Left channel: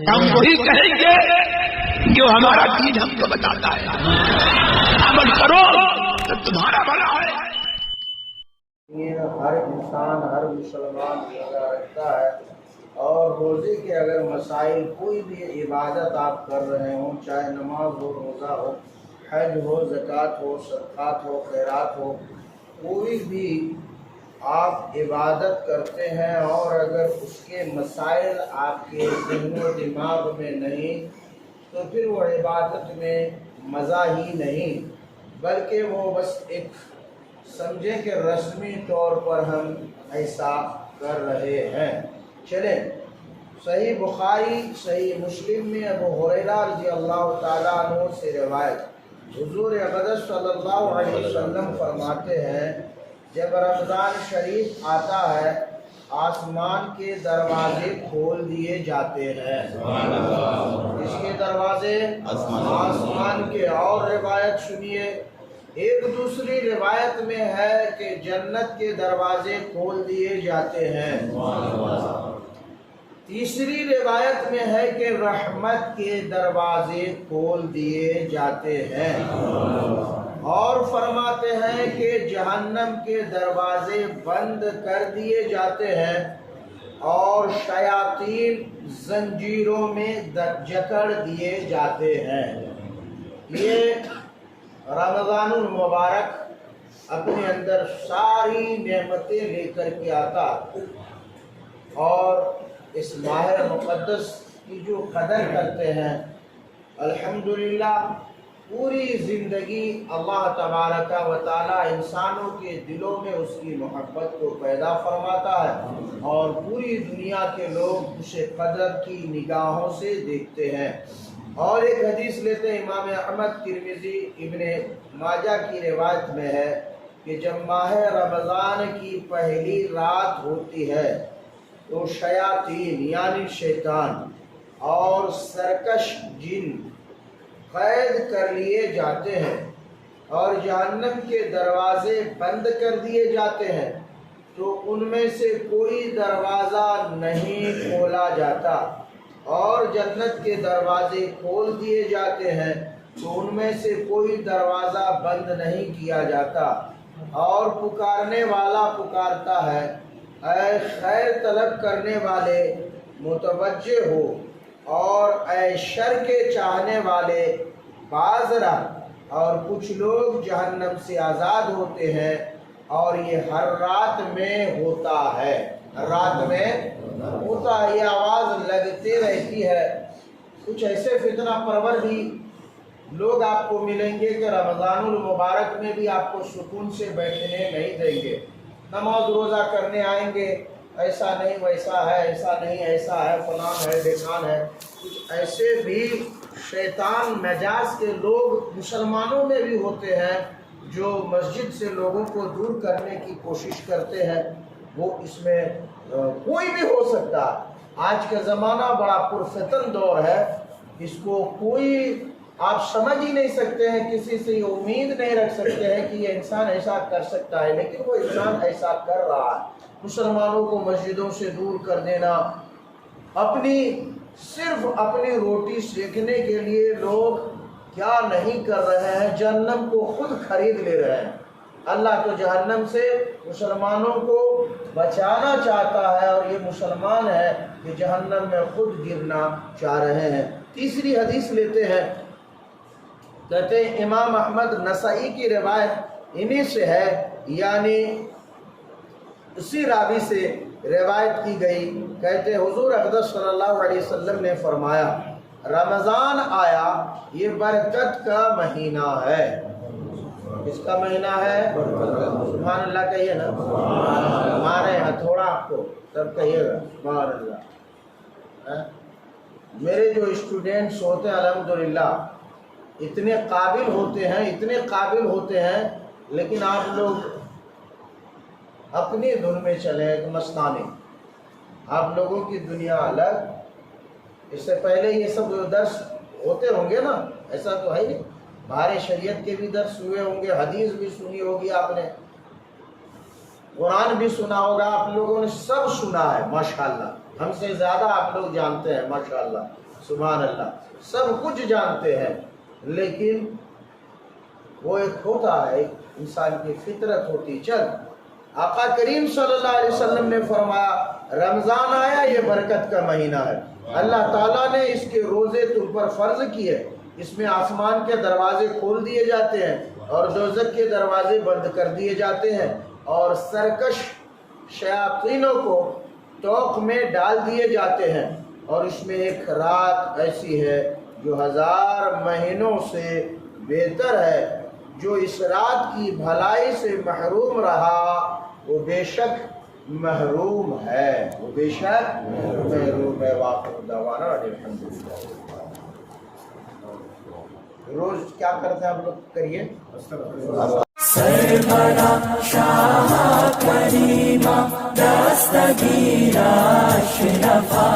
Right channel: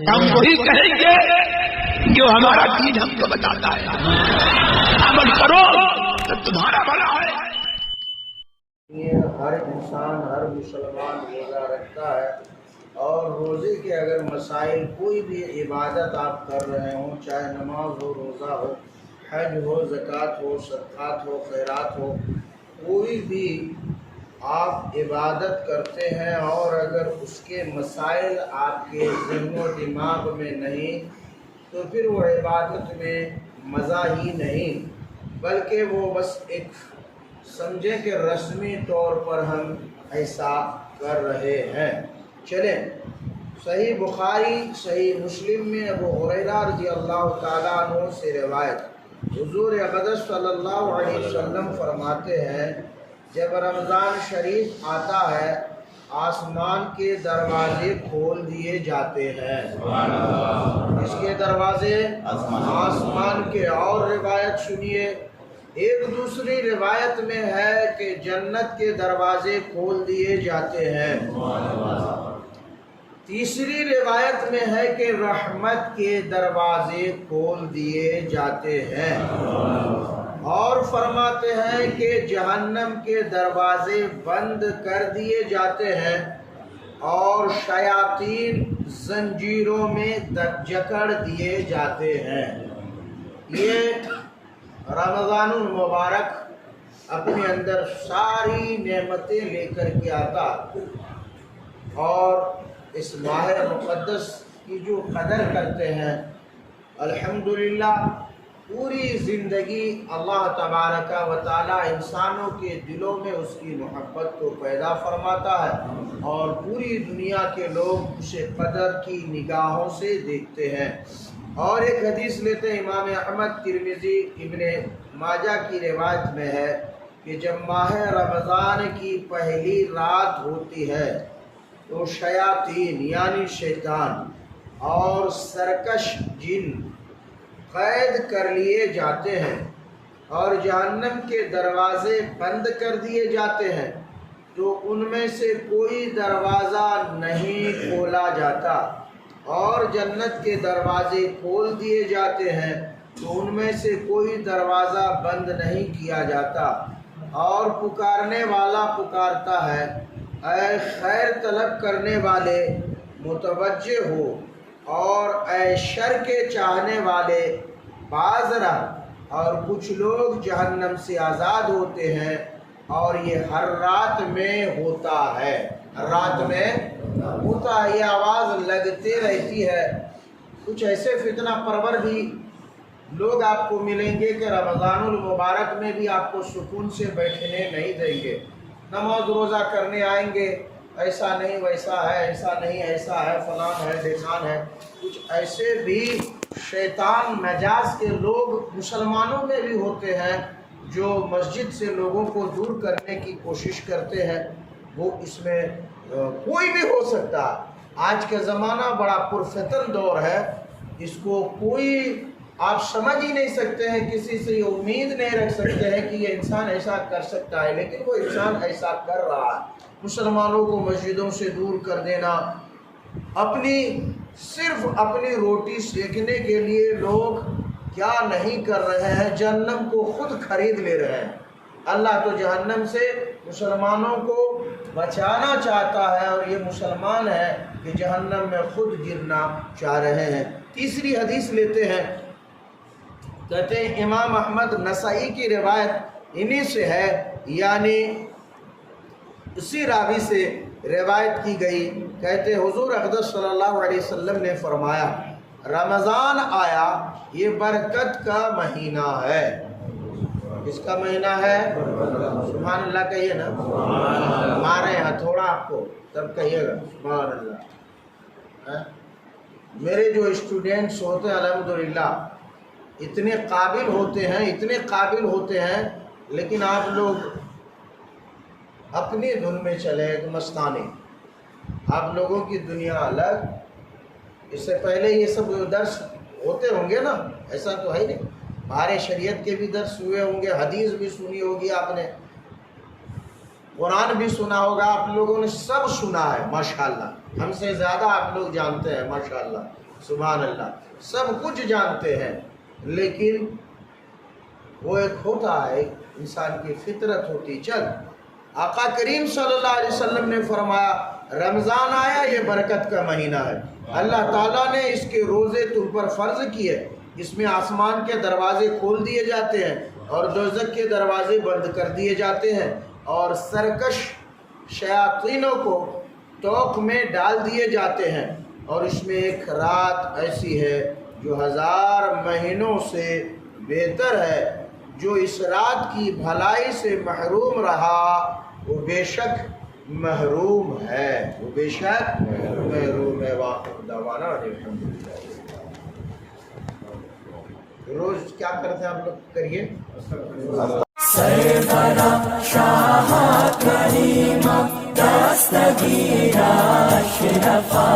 हम वही कहेंगे जो हमारा दीन हमको बताता है। अमल करो तो तुम्हारा भला है। ये हर इंसान, हर मुसलमान रोज़ा रखता है, और रोज़े के अगर मसाइल, कोई भी इबादत आप कर रहे हो, चाहे नमाज हो, रोज़ा हो, हज हो, ज़कात हो, सदक़ात हो, खैरात हो, कोई भी आप इबादत करते हैं और अगर उसके मसाइल आपके ज़हन दिमाग में नहीं, तो फिर वो इबादत में मज़ा ही नहीं, बल्कि वो बस एक समझें कि रस्मी तौर पर हम ऐसा कर रहे हैं। चलें, सही बुखारी, सही मुस्लिम में अबू हुरैरा रज़ियल्लाहु ताला अन्हु से रिवायत, हुज़ूर अक़दस सल्लल्लाहु अलैहि वसल्लम फरमाते हैं, जब रमज़ान शरीफ आता है आसमान के दरवाजे खोल दिए जाते हैं। इसके दरवाजे आसमान के। और रिवायत सुनिए, एक दूसरी रिवायत में है कि जन्नत के दरवाजे खोल दिए जाते हैं। तीसरी रिवायत में है कि रहमत के दरवाजे खोल दिए जाते हैं। और फरमाते हैं कि जहन्नम के दरवाजे बंद कर दिए जाते हैं और शयातीन जंजीरों में जकड़ दिए जाते हैं। ये रमज़ानुल मुबारक अपने अंदर सारी नेमतें लेकर के आता, और इस माह मुक़द्दस की जो कदर करते हैं, अल्हम्दुलिल्लाह पूरी ज़िंदगी अल्लाह तबारक व तआला इंसानों के दिलों में उसकी मोहब्बत को पैदा फरमाता है और पूरी दुनिया के लोग उसे कदर की निगाहों से देखते हैं। और एक हदीस लेते हैं, इमाम अहमद, तिरमिज़ी, इब्ने माजा की रिवायत में है कि जब माह रमज़ान की पहली रात होती है तो शयातीन यानी शैतान और सरकश जिन कैद कर लिए जाते हैं और जहन्नम के दरवाजे बंद कर दिए जाते हैं, तो उनमें से कोई दरवाज़ा नहीं खोला जाता, और जन्नत के दरवाजे खोल दिए जाते हैं तो उनमें से कोई दरवाज़ा बंद नहीं किया जाता। और पुकारने वाला पुकारता है, ऐ खैर तलब करने वाले मुतवज्जे हो, और ऐ शर के चाहने वाले बाज़रा। और कुछ लोग जहन्नम से आज़ाद होते हैं, और ये हर रात में होता है, हर रात में होता है, ये आवाज़ लगते रहती है। कुछ ऐसे फितना परवर भी लोग आपको मिलेंगे कि रमज़ानुल मुबारक में भी आपको सुकून से बैठने नहीं देंगे, नमाज रोज़ा करने आएंगे, ऐसा नहीं वैसा है, ऐसा नहीं ऐसा है, फलान है, ढिकान है। कुछ ऐसे भी शैतान मजाज के लोग मुसलमानों में भी होते हैं जो मस्जिद से लोगों को दूर करने की कोशिश करते हैं। वो इसमें कोई भी हो सकता है। आज का ज़माना बड़ा पुरफतन दौर है, इसको कोई आप समझ ही नहीं सकते हैं, किसी से ये उम्मीद नहीं रख सकते हैं कि ये इंसान ऐसा कर सकता है, लेकिन वो इंसान ऐसा कर रहा है। मुसलमानों को मस्जिदों से दूर कर देना, सिर्फ अपनी रोटी सेकने के लिए लोग क्या नहीं कर रहे हैं, जहन्नम को खुद खरीद ले रहे हैं। अल्लाह तो जहन्नम से मुसलमानों को बचाना चाहता है, और ये मुसलमान है कि जहन्नम में खुद गिरना चाह रहे हैं। तीसरी हदीस लेते हैं, कहते हैं इमाम अहमद नसाई की रिवायत इन्हीं से है, यानी उसी रावी से रिवायत की गई। कहते हुजूर अक़दस सल्लल्लाहु अलैहि वसल्लम ने फरमाया, रमज़ान आया, ये बरकत का महीना है। किसका महीना है? सुभान अल्लाह कहिए ना, हमारे यहाँ थोड़ा आपको तब कहिएगा सुभान अल्लाह। मेरे जो स्टूडेंट्स होते हैं अल्हम्दुलिल्लाह इतने काबिल होते हैं, इतने काबिल होते हैं, लेकिन आप लोग अपनी धुन में चले एक मस्तानी, आप लोगों की दुनिया अलग। इससे पहले ये सब दर्स होते होंगे ना, ऐसा तो है नहीं, हमारे शरीयत के भी दर्स हुए होंगे, हदीस भी सुनी होगी आपने, कुरान भी सुना होगा, आप लोगों ने सब सुना है माशाअल्लाह। ہم سے زیادہ آپ لوگ جانتے ہیں ماشاءاللہ سبحان اللہ، سب کچھ جانتے ہیں، لیکن وہ ایک ہوتا ہے، انسان کی فطرت ہوتی۔ چل آقا کریم صلی اللہ علیہ وسلم نے فرمایا رمضان آیا، یہ برکت کا مہینہ ہے، اللہ تعالیٰ نے اس کے روزے تم پر فرض کیے، اس میں آسمان کے دروازے کھول دیے جاتے ہیں اور دوزخ کے دروازے بند کر دیے جاتے ہیں، اور سرکش شیاطینوں کو توق میں ڈال دیے جاتے ہیں، اور اس میں ایک رات ایسی ہے جو 1000 مہینوں سے بہتر ہے۔ جو اس رات کی بھلائی سے محروم رہا وہ بے شک محروم ہے، وہ بے شک محروم ہے۔ واقف دعوانا الحمدللہ۔ روز کیا کرتے ہیں آپ لوگ؟ کریے سربرا شاہ کریمہ دستگیرہ اشرفا